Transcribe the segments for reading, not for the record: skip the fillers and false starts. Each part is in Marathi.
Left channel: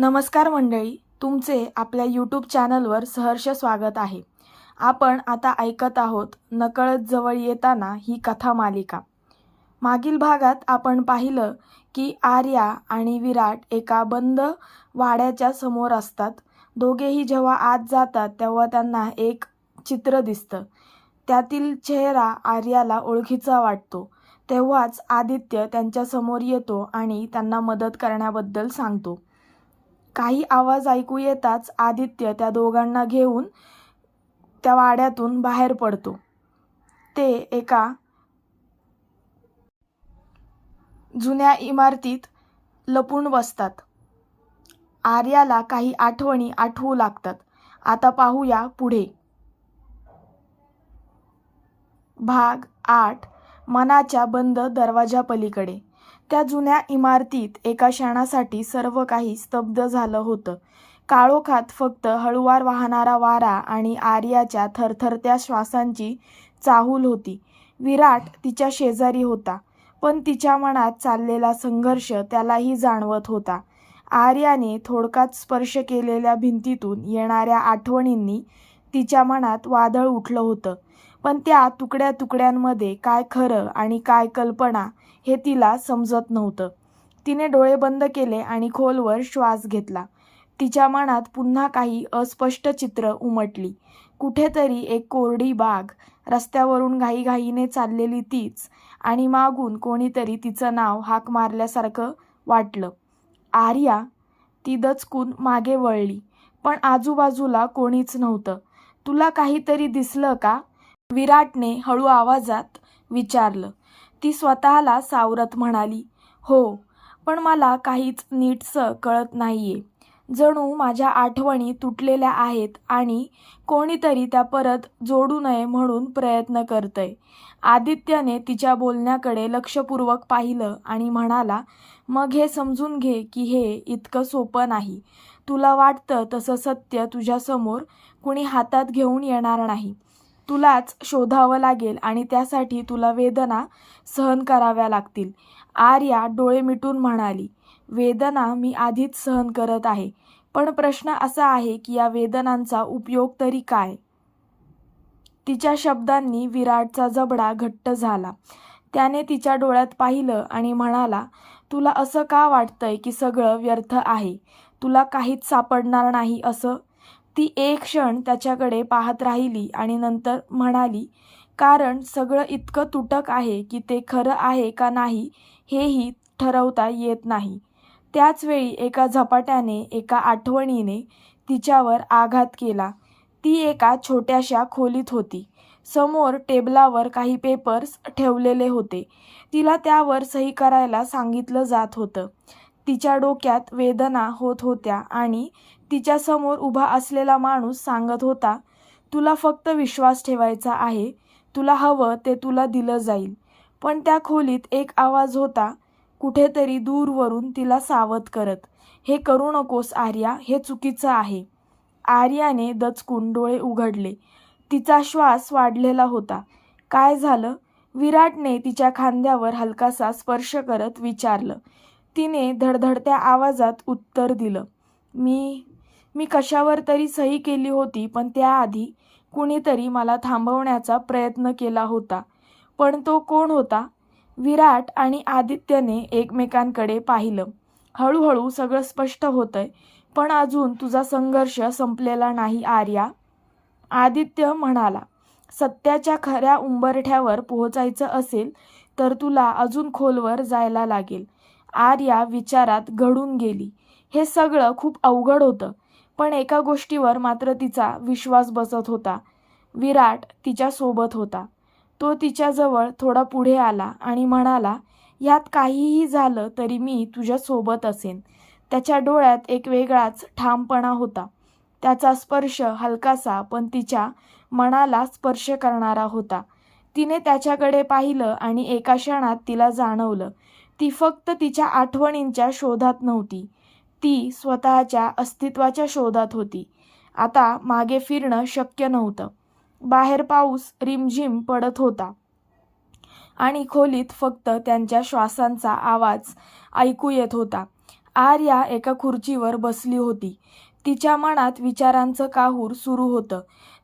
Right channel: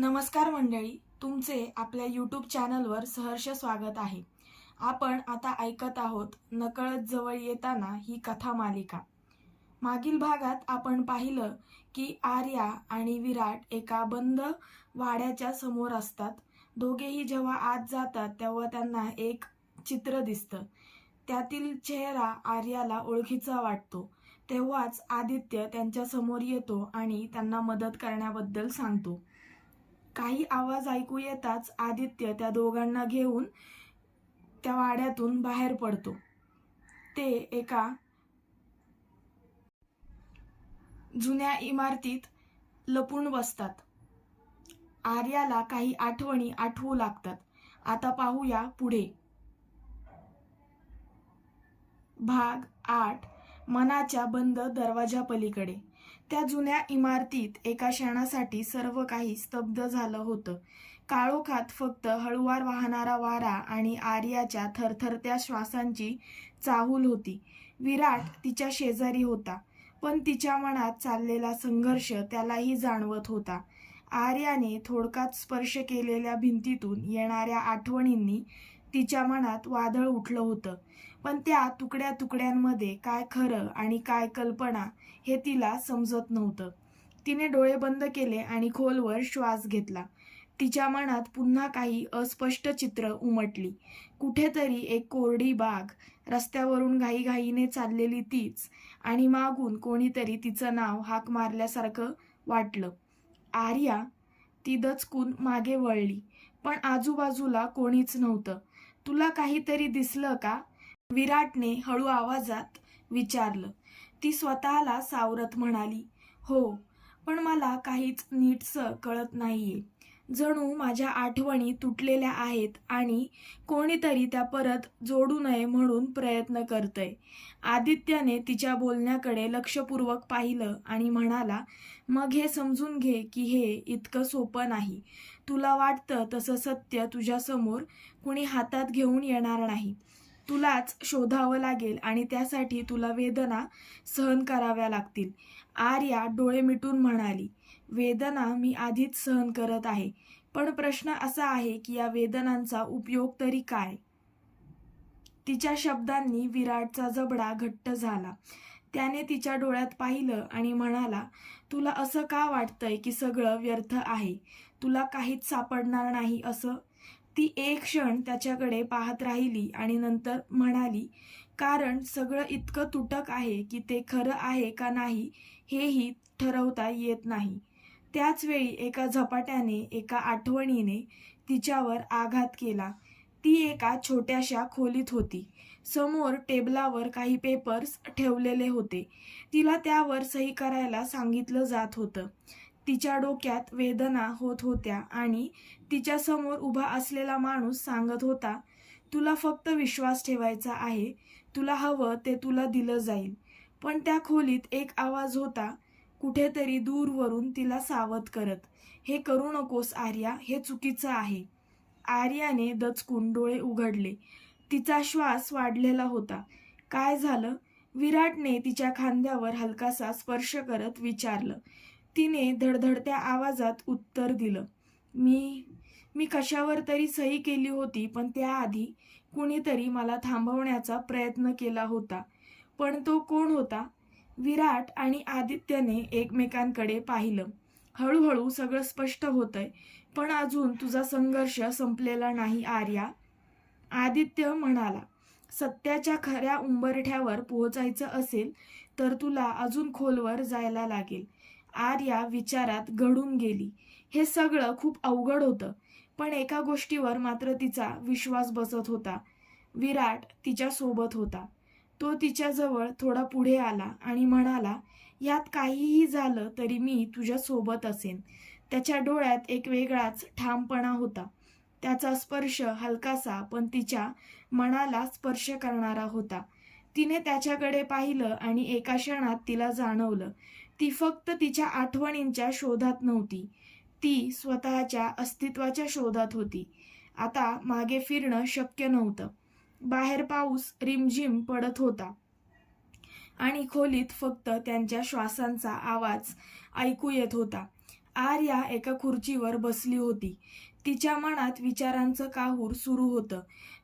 नमस्कार मंडळी, तुमचे आपल्या यूट्यूब चॅनलवर सहर्ष स्वागत आहे. आपण आता ऐकत आहोत नकळत जवळ येताना ही कथा मालिका. मागील भागात आपण पाहिलं की आर्या आणि विराट एका बंद वाड्याच्या समोर असतात. दोघेही जेव्हा आत जातात तेव्हा त्यांना एक चित्र दिसतं. त्यातील चेहरा आर्याला ओळखीचा वाटतो. तेव्हाच आदित्य त्यांच्यासमोर येतो आणि त्यांना मदत करण्याबद्दल सांगतो. काही आवाज ऐकू येताच आदित्य त्या दोघांना घेऊन त्या वाड्यातून बाहेर पडतो. ते एका जुन्या इमारतीत लपून बसतात. आर्याला काही आठवणी आठवू लागतात. आता पाहूया पुढे. भाग 8. मनाच्या बंद दरवाजापलीकडे. त्या जुन्या इमारतीत एका क्षणासाठी सर्व काही स्तब्ध झालं होतं. काळोखात फक्त हळुवार वाहणारा वारा आणि आर्याच्या थरथरत्या श्वासांची चाहूल होती. विराट तिच्या शेजारी होता, पण तिच्या मनात चाललेला संघर्ष त्यालाही जाणवत होता. आर्याने थोडक्यात स्पर्श केलेल्या भिंतीतून येणाऱ्या आठवणींनी तिच्या मनात वादळ उठलं होतं, पण त्या तुकड्या तुकड्यांमध्ये काय खरं आणि काय कल्पना हे तिला समजत नव्हतं. तिने डोळे बंद केले आणि खोलवर श्वास घेतला. तिच्या मनात पुन्हा काही अस्पष्ट चित्र उमटली. कुठेतरी एक कोरडी बाग, रस्त्यावरून घाईघाईने चाललेली तीच, आणि मागून कोणीतरी तिचं नाव हाक मारल्यासारखं वाटलं. आर्या. ती दचकून मागे वळली, पण आजूबाजूला कोणीच नव्हतं. तुला काहीतरी दिसलं का? विराटने हळू आवाजात विचारलं. ती स्वतःला सावरत म्हणाली, हो, पण मला काहीच नीटसं कळत नाहीये. जणू माझ्या आठवणी तुटलेल्या आहेत आणि कोणीतरी त्या परत जोडू नये म्हणून प्रयत्न करतंय. आदित्यने तिच्या बोलण्याकडे लक्षपूर्वक पाहिलं आणि म्हणाला, मग हे समजून घे की हे इतकं सोपं नाही. तुला वाटतं तसं सत्य तुझ्यासमोर कुणी हातात घेऊन येणार नाही. तुलाच शोधावं लागेल आणि त्यासाठी तुला वेदना सहन कराव्या लागतील. आर्या डोळे मिटून म्हणाली, वेदना मी आधीच सहन करत आहे, पण प्रश्न असा आहे की या वेदनांचा उपयोग तरी काय? तिच्या शब्दांनी विराटचा जबडा घट्ट झाला. त्याने तिच्या डोळ्यात पाहिलं आणि म्हणाला, तुला असं का वाटतंय की सगळं व्यर्थ आहे? तुला काहीच सापडणार नाही असं? ती एक क्षण त्याच्याकडे पाहत राहिली आणि नंतर म्हणाली, कारण सगळं इतकं तुटक आहे की ते खरं आहे का नाही हेही ठरवता येत नाही. त्याच वेळी एका झपाट्याने, एका आठवणीने तिच्यावर आघात केला. ती एका छोट्याशा खोलीत होती. समोर टेबलावर काही पेपर्स ठेवलेले होते. तिला त्यावर सही करायला सांगितलं जात होतं. तिच्या डोक्यात वेदना होत होत्या आणि तिच्यासमोर उभा असलेला माणूस सांगत होता, तुला फक्त विश्वास ठेवायचा आहे. तुला हवं ते तुला दिलं जाईल. पण त्या खोलीत एक आवाज होता, कुठेतरी दूरवरून तिला सावध करत, हे करू नकोस आर्या, हे चुकीचं आहे. आर्याने दचकून डोळे उघडले. तिचा श्वास वाढलेला होता. काय झालं? विराटने तिच्या खांद्यावर हलकासा स्पर्श करत विचारलं. तिने धडधडत्या आवाजात उत्तर दिलं, मी कशावर तरी सही केली होती, पण त्याआधी कुणीतरी मला थांबवण्याचा प्रयत्न केला होता. पण तो कोण होता? विराट आणि आदित्यने एकमेकांकडे पाहिलं. हळूहळू सगळं स्पष्ट होतंय, पण अजून तुझा संघर्ष संपलेला नाही आर्या. आदित्य म्हणाला, सत्याच्या खऱ्या उंबरठ्यावर पोहोचायचं असेल तर तुला अजून खोलवर जायला लागेल. आर्या विचारात गढून गेली. हे सगळं खूप अवघड होतं, पण एका गोष्टीवर मात्र तिचा विश्वास बसत होता. विराट तिच्या सोबत होता. तो तिच्याजवळ थोडा पुढे आला आणि म्हणाला, यात काहीही झालं तरी मी तुझ्या सोबत असेन. त्याच्या डोळ्यात एक वेगळाच ठामपणा होता. त्याचा स्पर्श हलकासा पण तिच्या मनाला स्पर्श करणारा होता. तिने त्याच्याकडे पाहिलं आणि एका क्षणात तिला जाणवलं, ती फक्त तिच्या आठवणींच्या शोधात नव्हती. ती स्वतःच्या अस्तित्वाच्या शोधात होती. आता मागे फिरणं शक्य नव्हतं. बाहेर पाऊस रिमझिम पडत होता आणि खोलीत फक्त त्यांच्या श्वासांचा आवाज ऐकू येत होता. आर्या एका खुर्चीवर बसली होती. तिच्या मनात विचारांचं काहूर सुरू होतं.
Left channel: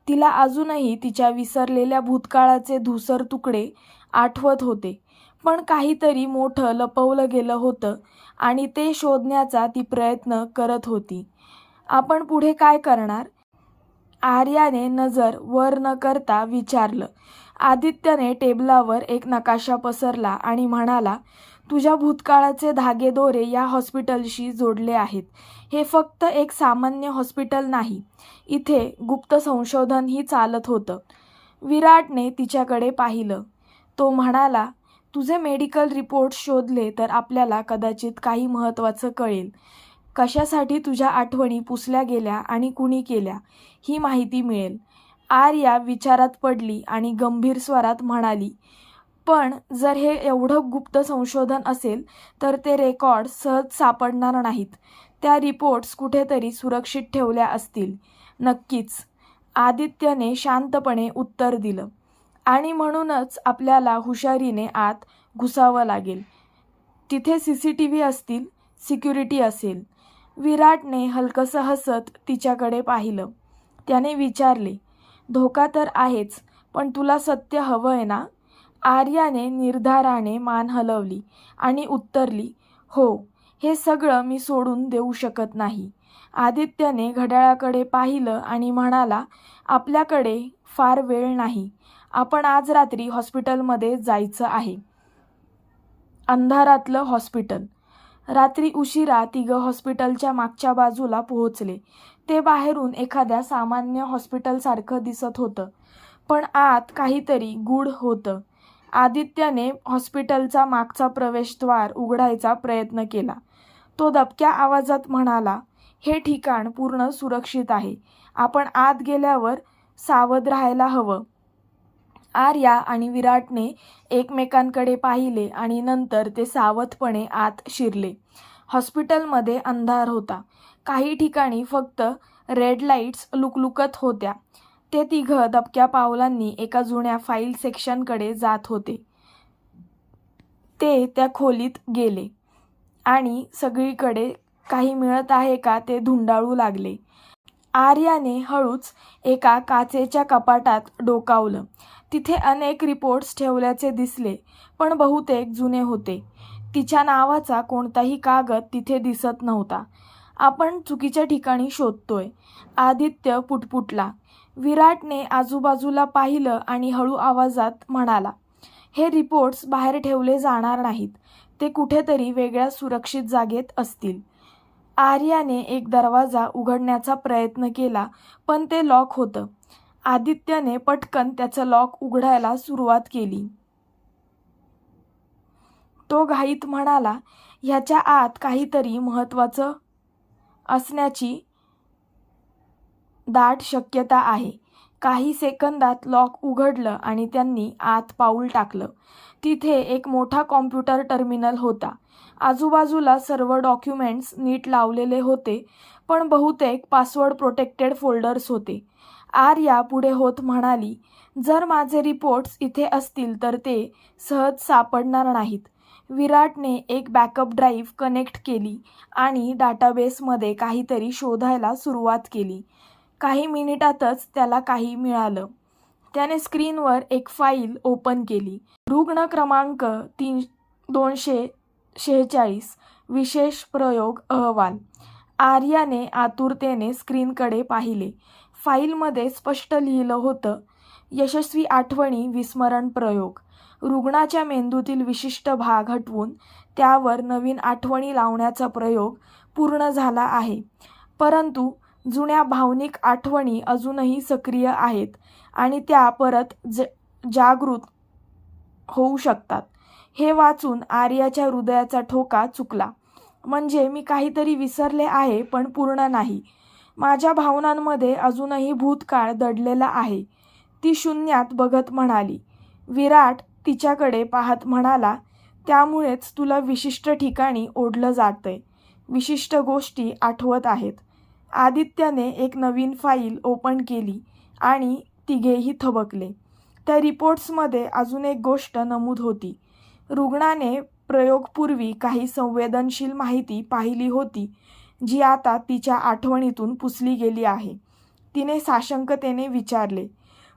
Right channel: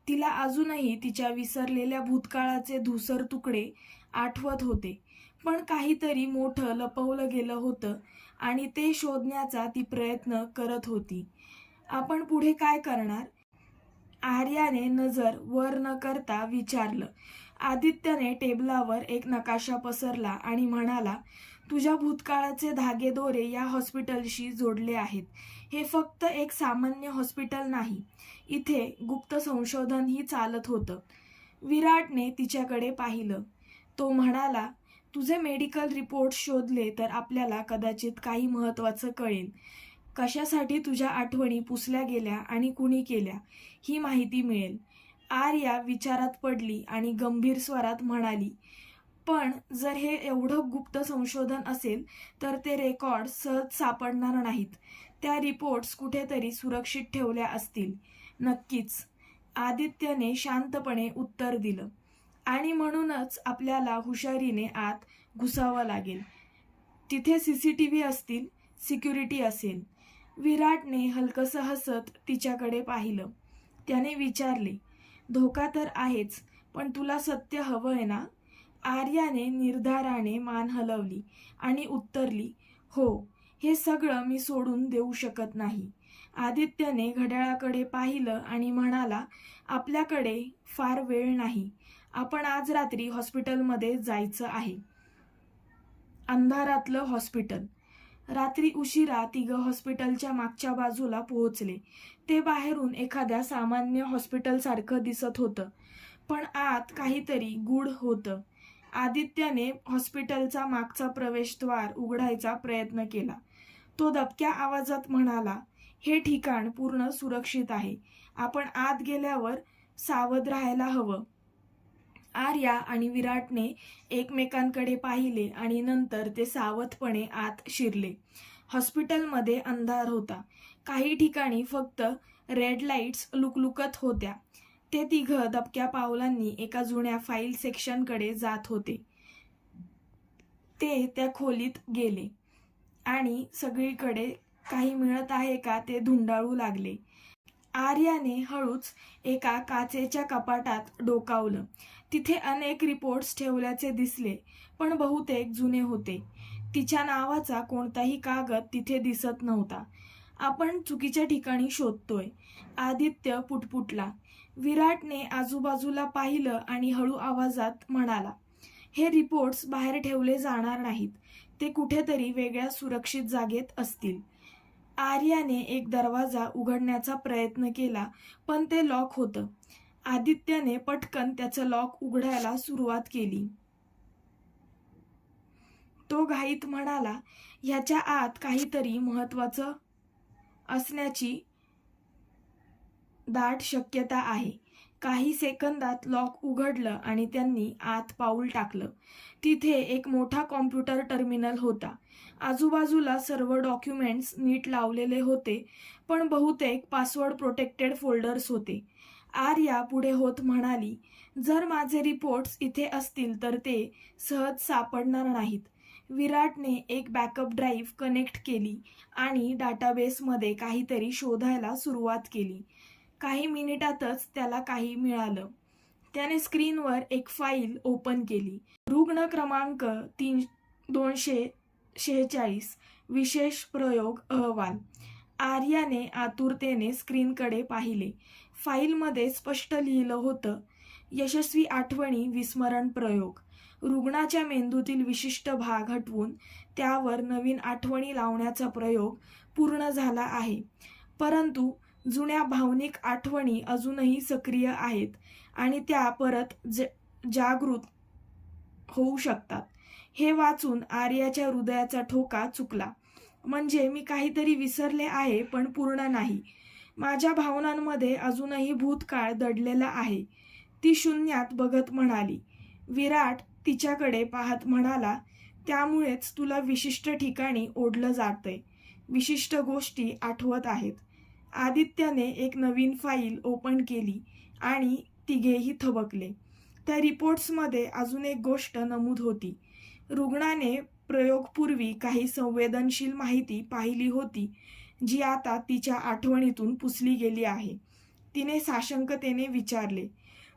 तिला अजूनही तिच्या विसरलेल्या भूतकाळाचे धूसर तुकडे आठवत होते. पण काहीतरी मोठं लपवलं गेलं होतं आणि ते शोधण्याचा ती प्रयत्न करत होती. आपण पुढे काय करणार? आर्याने नजर वर न करता विचारलं. आदित्यने टेबलावर एक नकाशा पसरला आणि म्हणाला, तुझ्या भूतकाळाचे धागेदोरे या हॉस्पिटलशी जोडले आहेत. हे फक्त एक सामान्य हॉस्पिटल नाही. इथे गुप्त संशोधनही चालत होतं. विराटने तिच्याकडे पाहिलं. तो म्हणाला, तुझे मेडिकल रिपोर्ट्स शोधले तर आपल्याला कदाचित काही महत्त्वाचं कळेल. कशासाठी तुझ्या आठवणी पुसल्या गेल्या आणि कुणी केल्या ही माहिती मिळेल. आर्या विचारात पडली आणि गंभीर स्वरात म्हणाली, पण जर हे एवढं गुप्त संशोधन असेल तर ते रेकॉर्ड सहज सापडणार नाहीत. त्या रिपोर्ट्स कुठेतरी सुरक्षित ठेवल्या असतील. नक्कीच, आदित्यने शांतपणे उत्तर दिलं. आणि म्हणूनच आपल्याला हुशारीने आत घुसावं लागेल. तिथे CCTV असतील, सिक्युरिटी असेल. विराटने हलकसं हसत तिच्याकडे पाहिलं. त्याने विचारले, धोका तर आहेच, पण तुला सत्य हवंय ना? आर्याने निर्धाराने मान हलवली आणि उत्तरली, हो, हे सगळं मी सोडून देऊ शकत नाही. आदित्यने घड्याळाकडे पाहिलं आणि म्हणाला, आपल्याकडे फार वेळ नाही. आपण आज रात्री हॉस्पिटलमध्ये जायचं आहे. अंधारातलं हॉस्पिटल. रात्री उशिरा तिघं हॉस्पिटलच्या मागच्या बाजूला पोहोचले. ते बाहेरून एखाद्या सामान्य हॉस्पिटलसारखं दिसत होतं, पण आत काहीतरी गूढ होतं. आदित्यने हॉस्पिटलचा मागचा प्रवेशद्वार उघडायचा प्रयत्न केला. तो दबक्या आवाजात म्हणाला, हे ठिकाण पूर्ण सुरक्षित आहे. आपण आत गेल्यावर सावध राहायला हवं. आर्या आणि विराटने एकमेकांकडे पाहिले आणि नंतर ते सावधपणे आत शिरले. हॉस्पिटलमध्ये अंधार होता. काही ठिकाणी फक्त रेड लाईट्स लुकलुकत होत्या. ते तिघं दबक्या पावलांनी एका जुन्या फाईल सेक्शनकडे जात होते. ते त्या खोलीत गेले आणि सगळीकडे काही मिळत आहे का ते धुंडाळू लागले. आर्याने हळूच एका काचेच्या कपाटात डोकावलं. तिथे अनेक रिपोर्ट्स ठेवल्याचे दिसले, पण बहुतेक जुने होते. तिच्या नावाचा कोणताही कागद तिथे दिसत नव्हता. आपण चुकीच्या ठिकाणी शोधतोय, आदित्य पुटपुटला. विराटने आजूबाजूला पाहिलं आणि हळू आवाजात म्हणाला, हे रिपोर्ट्स बाहेर ठेवले जाणार नाहीत. ते कुठेतरी वेगळ्या सुरक्षित जागेत असतील. आर्याने एक दरवाजा उघडण्याचा प्रयत्न केला, पण ते लॉक होतं. आदित्यने पटकन त्याचं लॉक उघडायला सुरुवात केली. तो घाईत म्हणाला, ह्याच्या आत काहीतरी महत्त्वाचं असण्याची दाट शक्यता आहे. काही सेकंदात लॉक उघडलं आणि त्यांनी आत पाऊल टाकलं. तिथे एक मोठा कॉम्प्युटर टर्मिनल होता. आजूबाजूला सर्व डॉक्युमेंट्स नीट लावलेले होते, पण बहुतेक पासवर्ड प्रोटेक्टेड फोल्डर्स होते. आर्या पुढे होत म्हणाली, जर माझे रिपोर्ट्स इथे असतील तर ते सहज सापडणार नाहीत. विराटने एक बॅकअप ड्राईव्ह कनेक्ट केली आणि डाटाबेसमध्ये काहीतरी शोधायला सुरुवात केली. काही मिनिटातच त्याला काही मिळालं. त्याने स्क्रीनवर एक फाईल ओपन केली. रुग्ण क्रमांक 246 विशेष प्रयोग अहवाल. आर्याने आतुरतेने स्क्रीनकडे पाहिले. फाईलमध्ये स्पष्ट लिहिलं होतं, यशस्वी आठवणी विस्मरण प्रयोग. रुग्णाच्या मेंदूतील विशिष्ट भाग हटवून त्यावर नवीन आठवणी लावण्याचा प्रयोग पूर्ण झाला आहे. परंतु जुन्या भावनिक आठवणी अजूनही सक्रिय आहेत आणि त्या परत जागृत होऊ शकतात. हे वाचून आर्याच्या हृदयाचा ठोका चुकला. म्हणजे मी काहीतरी विसरले आहे, पण पूर्ण नाही. माझ्या भावनांमध्ये अजूनही भूतकाळ दडलेला आहे. ती शून्यात बघत म्हणाली. विराट तिच्याकडे पाहत म्हणाला, त्यामुळेच तुला विशिष्ट ठिकाणी ओढलं जातंय. विशिष्ट गोष्टी आठवत आहेत. आदित्यने एक नवीन फाईल ओपन केली आणि तिघेही थबकले. त्या रिपोर्ट्समध्ये अजून एक गोष्ट नमूद होती. रुग्णाने प्रयोगपूर्वी काही संवेदनशील माहिती पाहिली होती, जी आता तिच्या आठवणीतून पुसली गेली आहे. तिने साशंकतेने विचारले,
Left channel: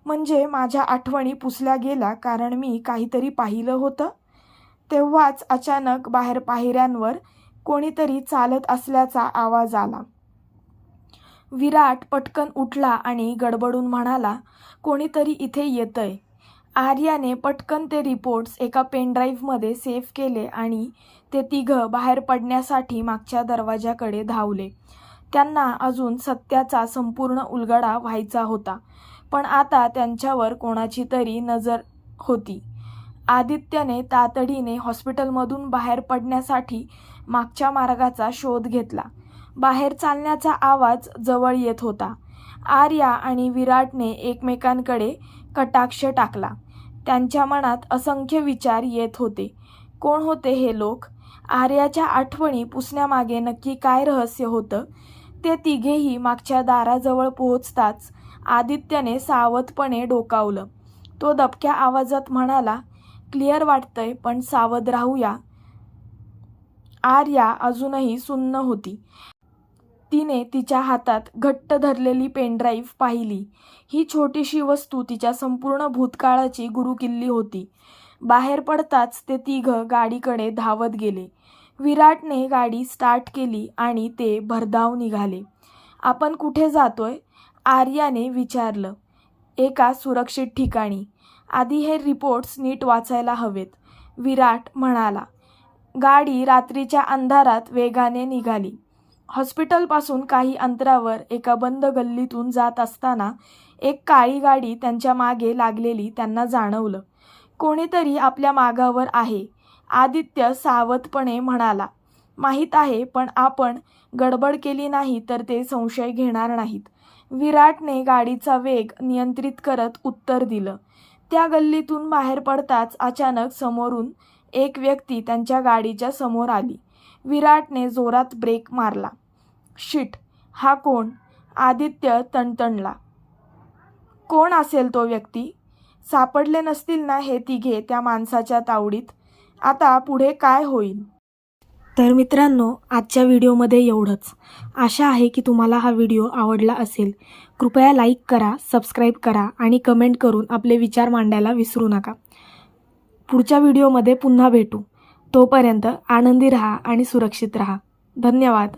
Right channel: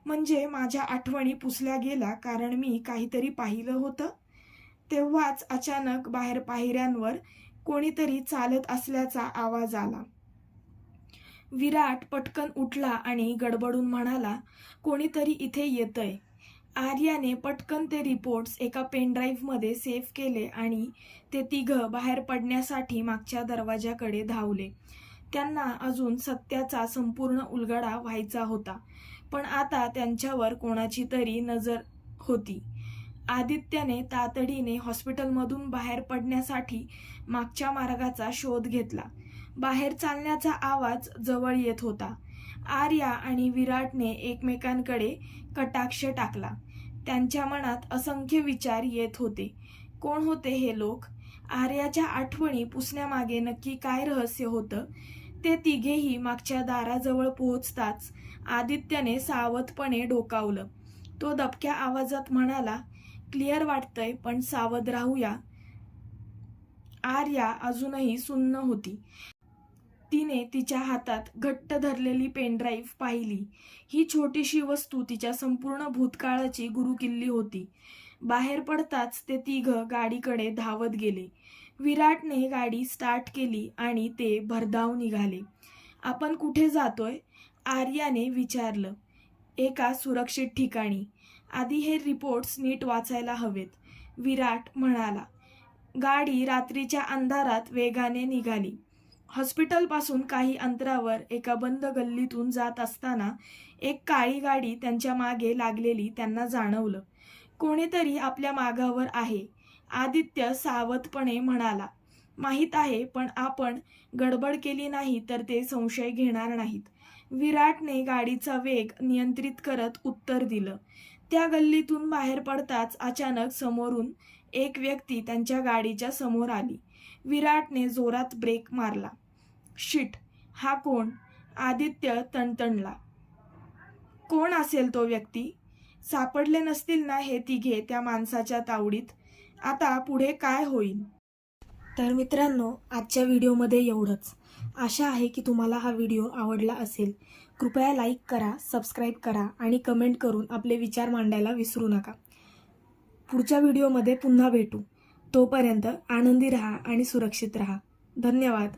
म्हणजे माझ्या आठवणी पुसल्या गेल्या कारण मी काहीतरी पाहिलं होतं? तेव्हाच अचानक बाहेर पायऱ्यांवर कोणीतरी चालत असल्याचा आवाज आला. विराट पटकन उठला आणि गडबडून म्हणाला, कोणीतरी इथे येतंय. आर्याने पटकन ते रिपोर्ट्स एका पेनड्राईव्हमध्ये सेव्ह केले आणि ते तिघं बाहेर पडण्यासाठी मागच्या दरवाजाकडे धावले. त्यांना अजून सत्याचा संपूर्ण उलगडा व्हायचा होता, पण आता त्यांच्यावर कोणाची तरी नजर होती. आदित्यने तातडीने हॉस्पिटलमधून बाहेर पडण्यासाठी मागच्या मार्गाचा शोध घेतला. बाहेर चालण्याचा आवाज जवळ येत होता. आर्या आणि विराटने एकमेकांकडे कटाक्ष टाकला. त्यांच्या मनात असंख्य विचार येत होते. कोण होते हे लोक? आर्याच्या आठवणी पुसण्यामागे नक्की काय रहस्य होतं? ते तिघेही मागच्या दाराजवळ पोहोचताच आदित्यने सावधपणे डोकावलं. तो दबक्या आवाजात म्हणाला, क्लिअर वाटतंय, पण सावध राहूया. आर्या अजूनही सुन्न होती. तिने तिच्या हातात घट्ट धरलेली पेनड्राईव्ह पाहिली. ही छोटीशी वस्तू तिच्या संपूर्ण भूतकाळाची गुरुकिल्ली होती. बाहेर पडताच ते तिघं गाडीकडे धावत गेले. विराटने गाडी स्टार्ट केली आणि ते भरधाव निघाले. आपण कुठे जातोय? आर्याने विचारलं. एका सुरक्षित ठिकाणी. आधी हे रिपोर्ट्स नीट वाचायला हवेत, विराट म्हणाला. गाडी रात्रीच्या अंधारात वेगाने निघाली. हॉस्पिटलपासून काही अंतरावर एका बंद गल्लीतून जात असताना एक काळी गाडी त्यांच्या मागे लागलेली त्यांना जाणवलं. कोणीतरी आपल्या मागावर आहे, आदित्य सावधपणे म्हणाला. माहीत आहे, पण आपण गडबड केली नाही तर ते संशय घेणार नाहीत. विराटने गाडीचा वेग नियंत्रित करत उत्तर दिलं. त्या गल्लीतून बाहेर पडताच अचानक समोरून एक व्यक्ती त्यांच्या गाडीच्या समोर आली. विराटने जोरात ब्रेक मारला. शिट, हा कोण? आदित्य तणतणला. कोण असेल तो व्यक्ती? सापडले नसतील ना हे तिघे त्या माणसाच्या तावडीत? आता पुढे काय होईल? तर मित्रांनो, आजच्या व्हिडिओमध्ये एवढंच. आशा आहे की तुम्हाला हा व्हिडिओ आवडला असेल. कृपया लाईक करा, सबस्क्राईब करा आणि कमेंट करून आपले विचार मांडायला विसरू नका. पुढच्या व्हिडिओमध्ये पुन्हा भेटू. तोपर्यंत आनंदी राहा आणि सुरक्षित राहा. धन्यवाद.